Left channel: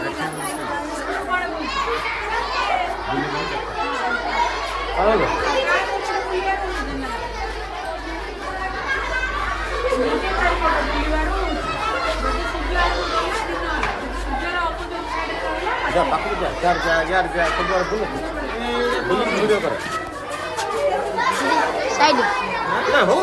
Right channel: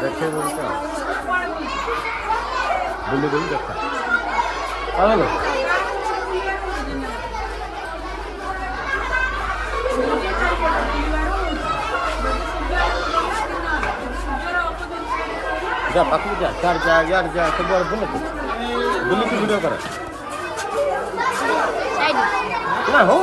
देखते बोलते बोले बोल जाता जा पाखु जा चार जा यार जा तो बोले बोले वीडियो कर साइड ना हो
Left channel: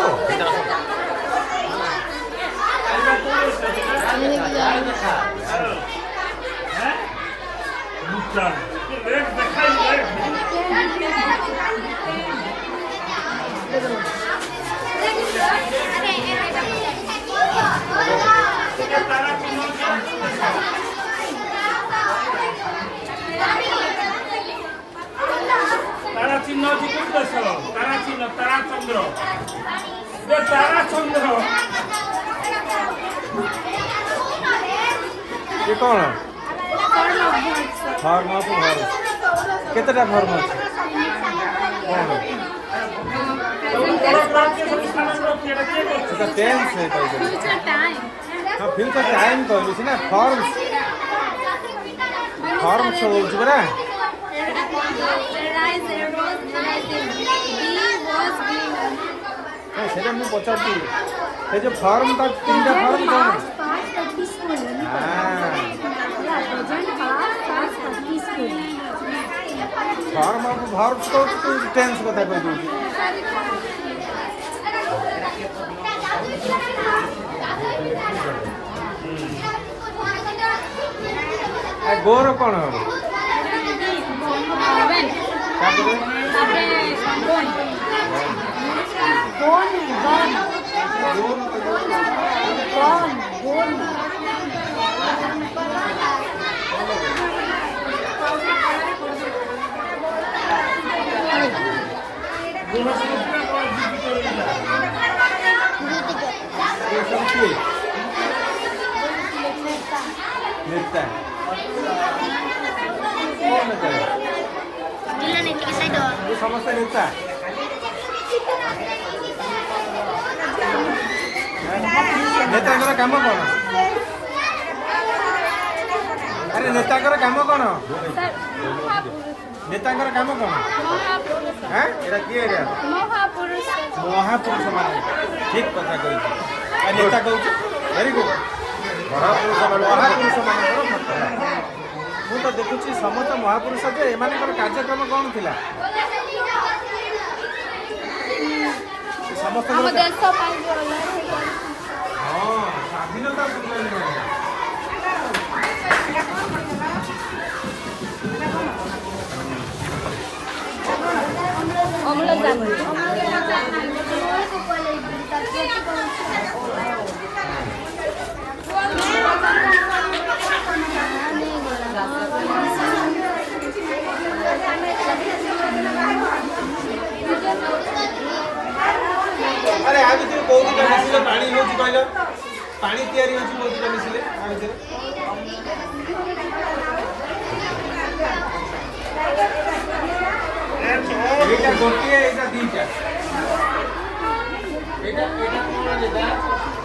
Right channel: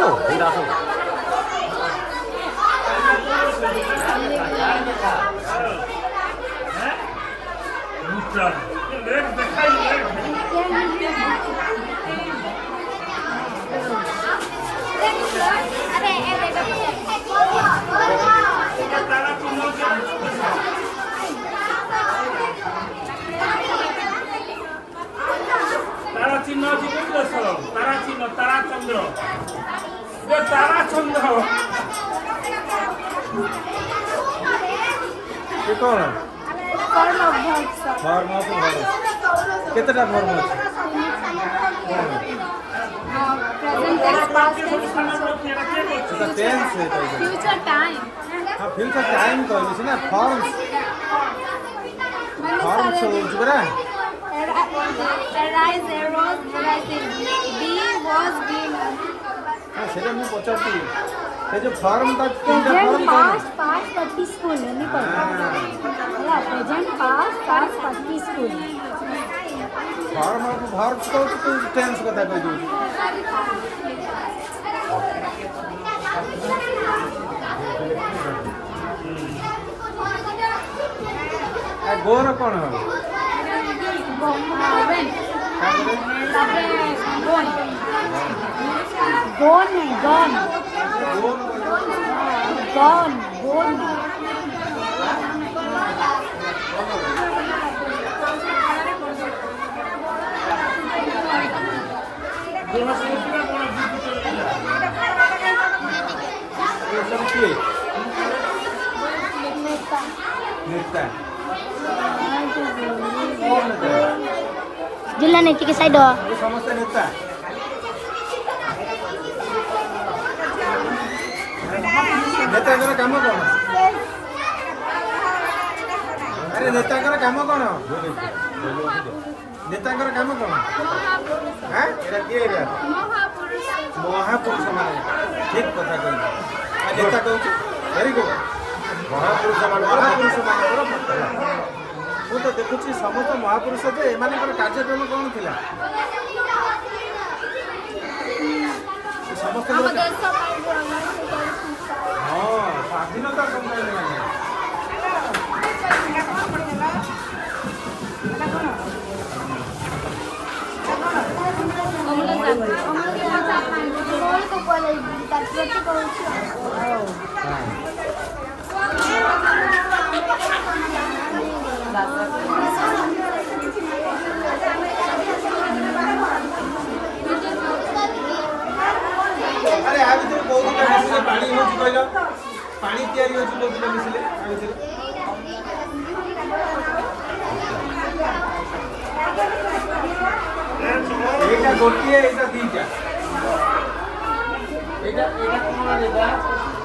तारा चिन्ह ଅଛି କୋଉ ଦେଶ ତାରା ଚିହ୍ନ ତାରା ଚନ୍ଦ୍ର ଏ ତାରା ଚନ୍ଦ୍ର ये कौन है फार्म ऑफ घर कितना फार्म है कौन है এটা টেন্স है तो फ्यूचर टाइम हां फ्यूचर टाइम कहलु छी ना फॉर्म फॉर्म छ होछ बरा arise arose arising be was being हां सेटा मैं पचारती से जो फॉर्म का तीनटा फॉर्म कौन है फॉर्म ऑफ वर्ब को टेंस कथा कह दउ आ गोर कौन है when तापरे ବୃହସ୍ପତିର ବଡ଼ ଯୁକ୍ତି କରିଲା ये सब की नेता कौन नेता है? जिला नीति के साइड ये समस्त नेता नेता काम कौन अरे नेता काम कौन नेता काम कौन हाँ एटा किए एटा महापुरुष माने ठीक कथा कहि नेता कहू वेरी गुड महापुरुष माने मु तो देखुची समस्त महापुरुष जे एमानकर कार्यक्रम कौन थिला समस्त स्वाधीनता अरे आ भितर बहुत दिन मिसिले पानी होची कहलो पानी तयारी होची बहुत दिन मिसिले आ भितर एटा गोटिए एटा दीटा एटा कोन लेदा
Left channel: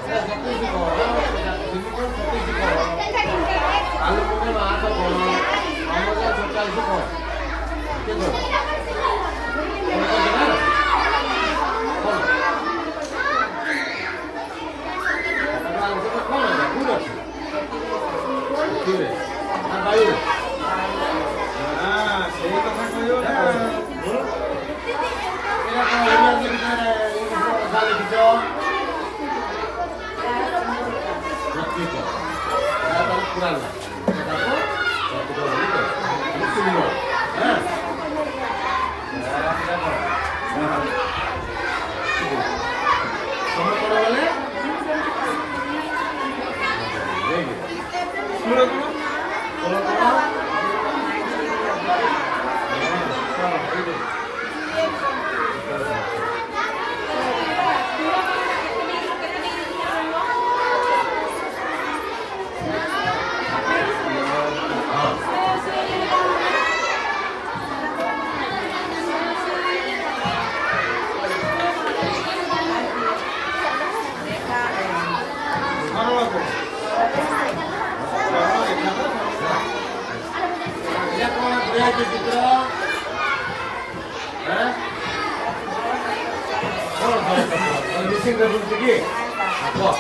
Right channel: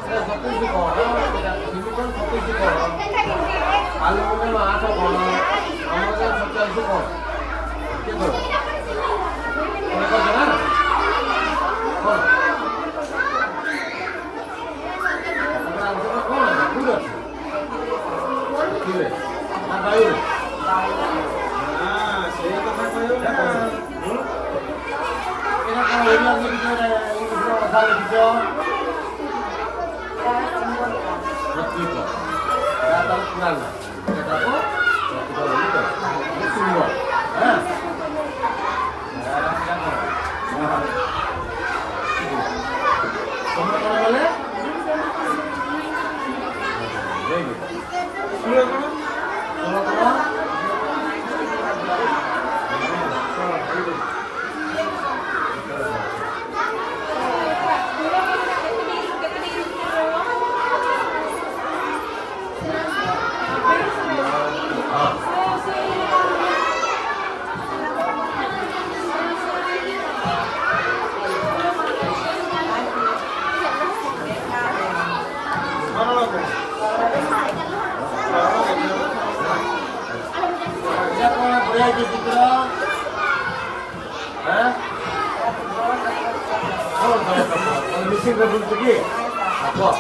एटा सतीश कोन एटा सिलिकन सतीश कोन एल्युमिनियम 8 कोन अमरजान 47 कोन के करो को जना कोन कौन है दूर ठीक है हां भाई हां सही कथा कहयो ना एना कोन एरिया में कितना इंग्लिश में भाषा लिखो रत्तिक दाता पुराण एटा को रत्तिक लिखो सिंबल हां कौन कौन बोले सुनो ବଢିଆ ହେଇଛି ଚିତ୍ର। ମିସିଂ ରେ ବୁଲୁଛୁ କି? କୁହ।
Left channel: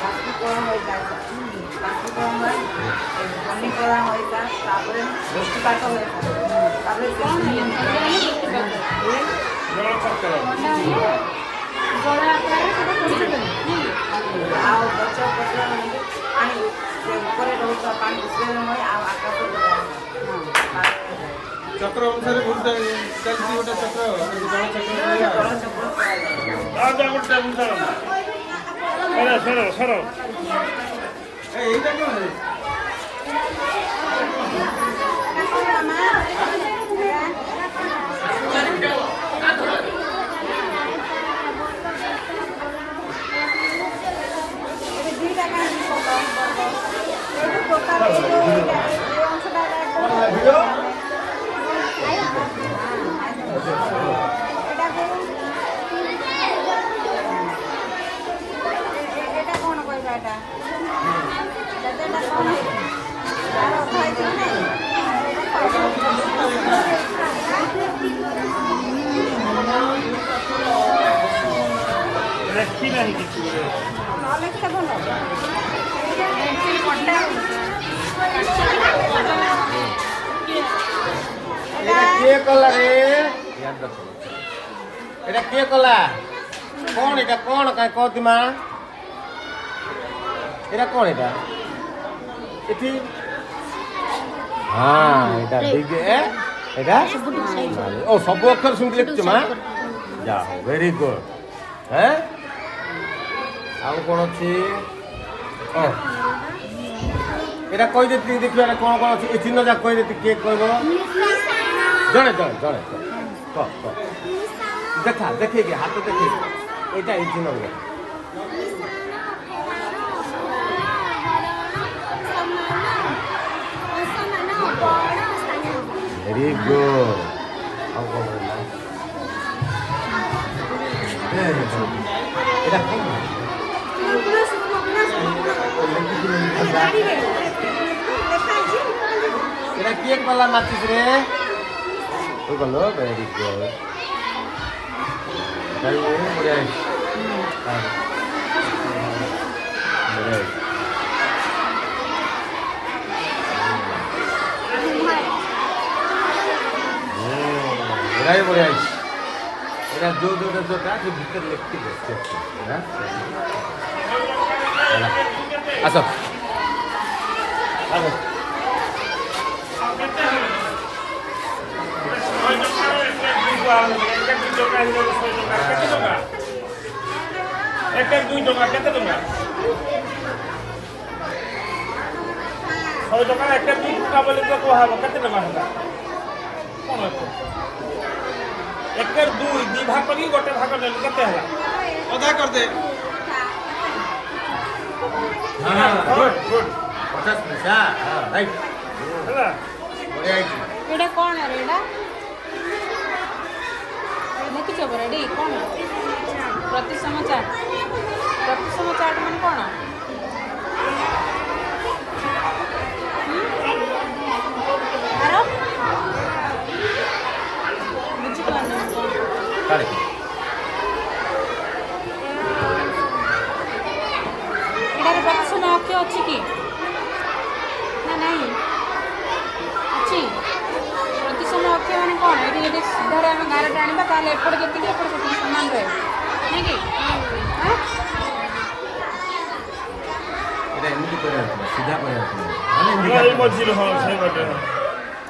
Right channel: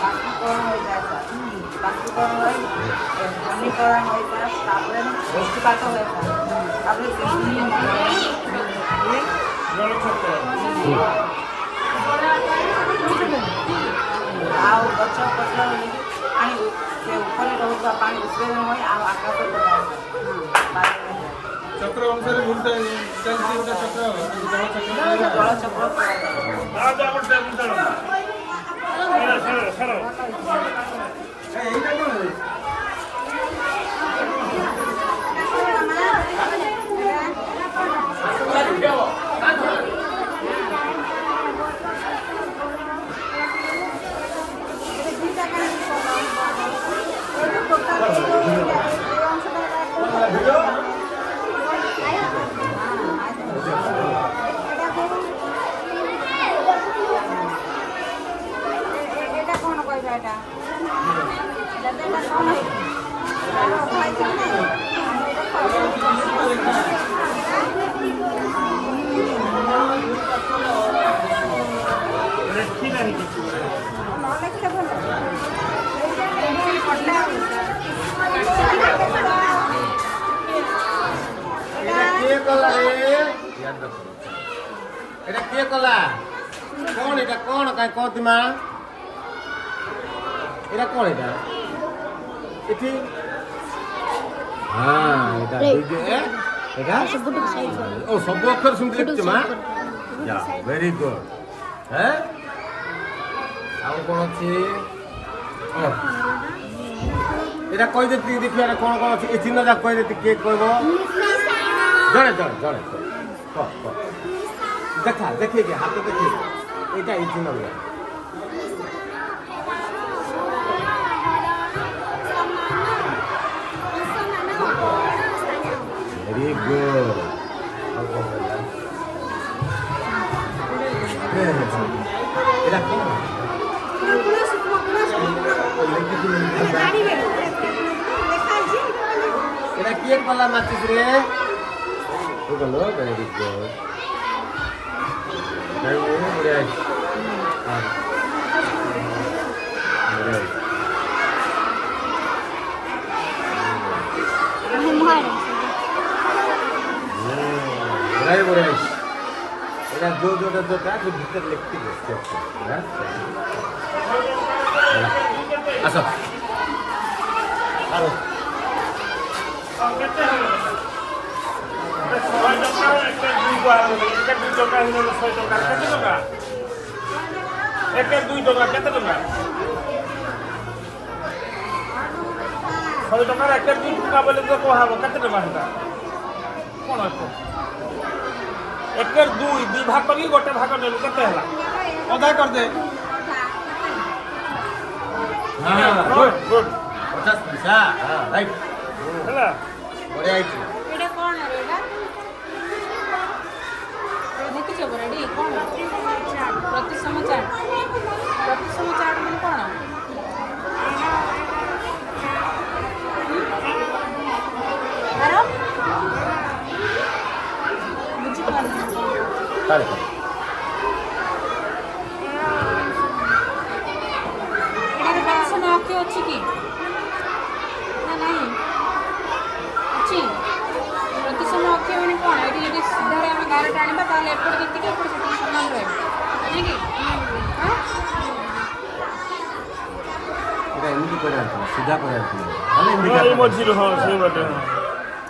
বাষ্পীকরণ হয়ে যায় বাষ্পীকরণ হয় ঘনীকরণ হয়ে যায় তারপরে বৃষ্টিপাত হয়ে যায় তারপরে ଆଉ ଗଛ ପତ୍ର ପାଣି ସେ ଉପରେ ରହୁଥିବା ପାଣି ଉତ୍ପାଦନ ହୁଏ ଆଉ ଆକାଶ ଚକ୍ର ଅନୁସାରେ ଘୁରୁତେ ଚାଲିଛି ଗୋଟେ ଚକ୍ର ଜଳଚକ୍ର ଏଇଟା କଣ এটা কোন কইবা এটা এটা কোন হইছে তার অর্থ হইছে কি নাই আমরা এটা লেখি নাই কিছু নলেজ টা ভালো এটা কে কলা রে? এটা কে কলা? কোন এটা কোন কাই কতি মা? এটা কোন এটা? এটি হ্যাঁ এটা দিগে এটা ও সব অক্ষর শুনতে লিখছো মা? যা ভেরি গুড। হ্যাঁ ଆଉ কোন ଅଛି? এটা কই দেতি দেখি আর কোন কোন আছে এই চিহ্ন যা কই দেতি কে কইব? জনে জনে জনে ক ক দেখা দেখে কি হাতে দেখে এটা এই চিহ্ন গুলো ভেরি গুড। এটা কোন এটা কি কলা মাছিস রে? ও বলো ভেরি গুড। ভাই এ বড়ে আর বড়ে বড়ে বড়ে এটা जो जो जो का तो भीतर लिखते हैं है चला আসো आओ একের 2 টাকা কেতে টাকা 6 টাকা একের 2 টাকা বলে তো কোহাব কেতে টাকা এটা কোন আছে একের 2 ভাগ করি গোটে ভাগ নেলে কেতে হলা ଅଧା କରିଦେ हां गुड गुड 50 पैसा राइट ହେଲା राइट এটা কোন রে এটা ଦେଖିଛ ପରା ଏଠି କ'ଣ ପ୍ରତିସମ ଚାର୍ଟ ମାନେ କ'ଣ ଆର ବୁଝିପାରୁନି ମୁଁ କ'ଣ सारे ଏଟାରେ ପ୍ରତିସମ ଅକ୍ଷର ଅଛି କି ନା ନାହିଁ ଅଛି ପ୍ରତିସମ ଅକ୍ଷର ମାନେ କ'ଣ ଏଠି ଯଦି ସିଧାରେ ଆମେ ଗାରଟା ଆଣିବା ତାହେଲେ ଏପଟେ ଯେତିକି ଏପଟେ ସେତିକି ସମାନ ରହିବ ନାଇଁ କି এটা এমনি করে আছে সিধা করে আছে মানে এমনি এই মজির হয় সেই বাটে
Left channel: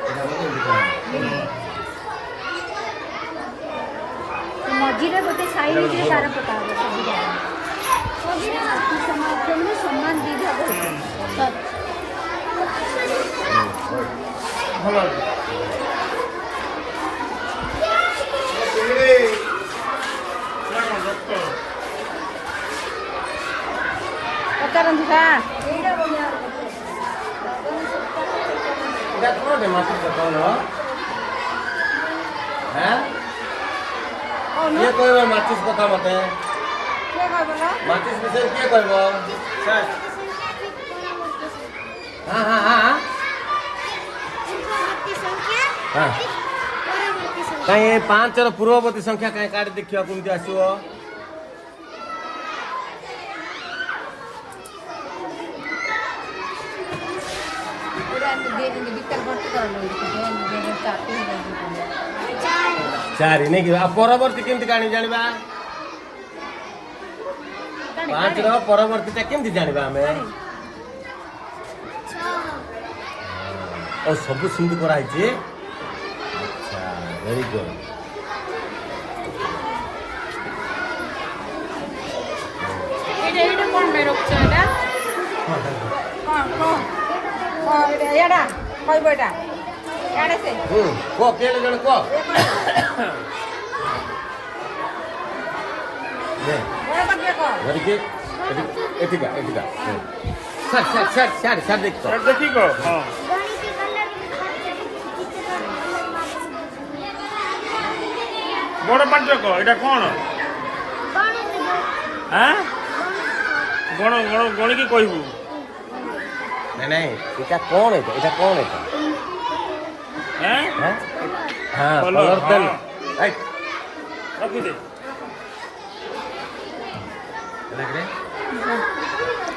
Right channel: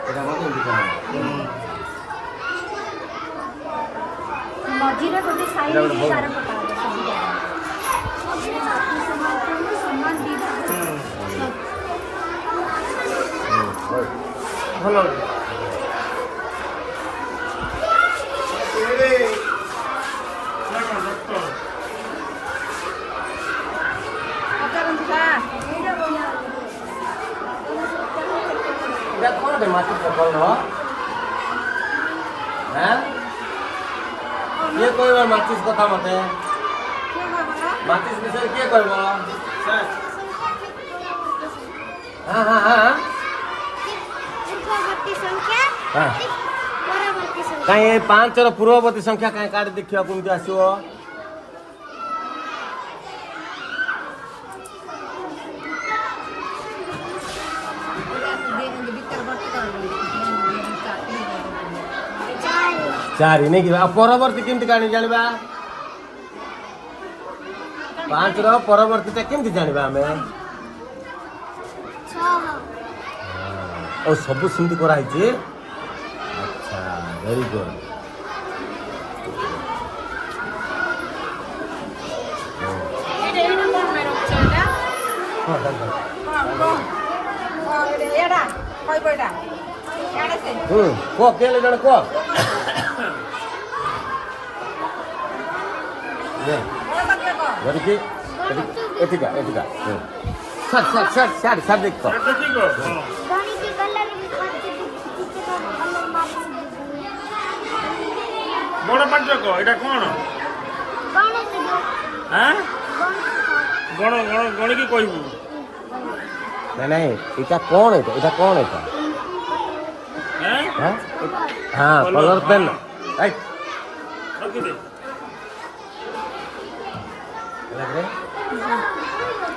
এটা মানে এমনি করে ମଝିରେ ଗୋଟେ ସାଇଡ୍ ସାରା ପକା ମଝିରେ ସମାନ ଦିଟା ভালো এটা কোনটা মাটি করলো হ্যাঁ কে কইবে মাটিস কথা মতে মাটিস বিষয়ে কে কইব হ্যাঁ हाँ कहीं 5 ର ପୂର୍ବବର୍ତ୍ତୀ ସଂଖ୍ୟା କାହିଁ କାଢି ଦେଖିବା କେମିତି ଆସିବ ଚାରି ନାଇଁ କି ଆଉ ପରବର୍ତ୍ତୀ କେମିତି କାଣି ଜାଣିବା 5 ର ପରବର୍ତ୍ତୀଟା କେମିତି ଜାଣିବା ଆମେ ଓ ସବୁ ସେମିତି କରାହେଇଛି ଆଚ୍ଛା ଭେରି ଗୁଡ୍ ଏଇଟା କ'ଣ ପାଇଁ ରଖୁଛ ଏଇଟା ଏଇଟା ଖାଇବ ଏଇଟା ଏଇଟା ସେ କୁହ କେଲେ ଜଣେ କୁହ ଧରିକି ଏଠିକା ଏଠିକା ସାର୍ ଦେଖ ଦେଖିକ ହଁ गणित कलर भी खर्च चित्र कलर मार्क्स ବଡ଼ ପାଚକ ଏଇଟା କ'ଣ गणित ଆଁ ଗଣ ଗଣ ଗଣିକି କହିବୁ ନାଇଁ ନାଇଁ ଏଇଟା କ'ଣ ଏଇଟା କ'ଣ ଏଇଟା ଆଁ ହଁ କଲର ପେନ୍ ରଖିଦେ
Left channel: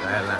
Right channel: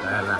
ହେଲା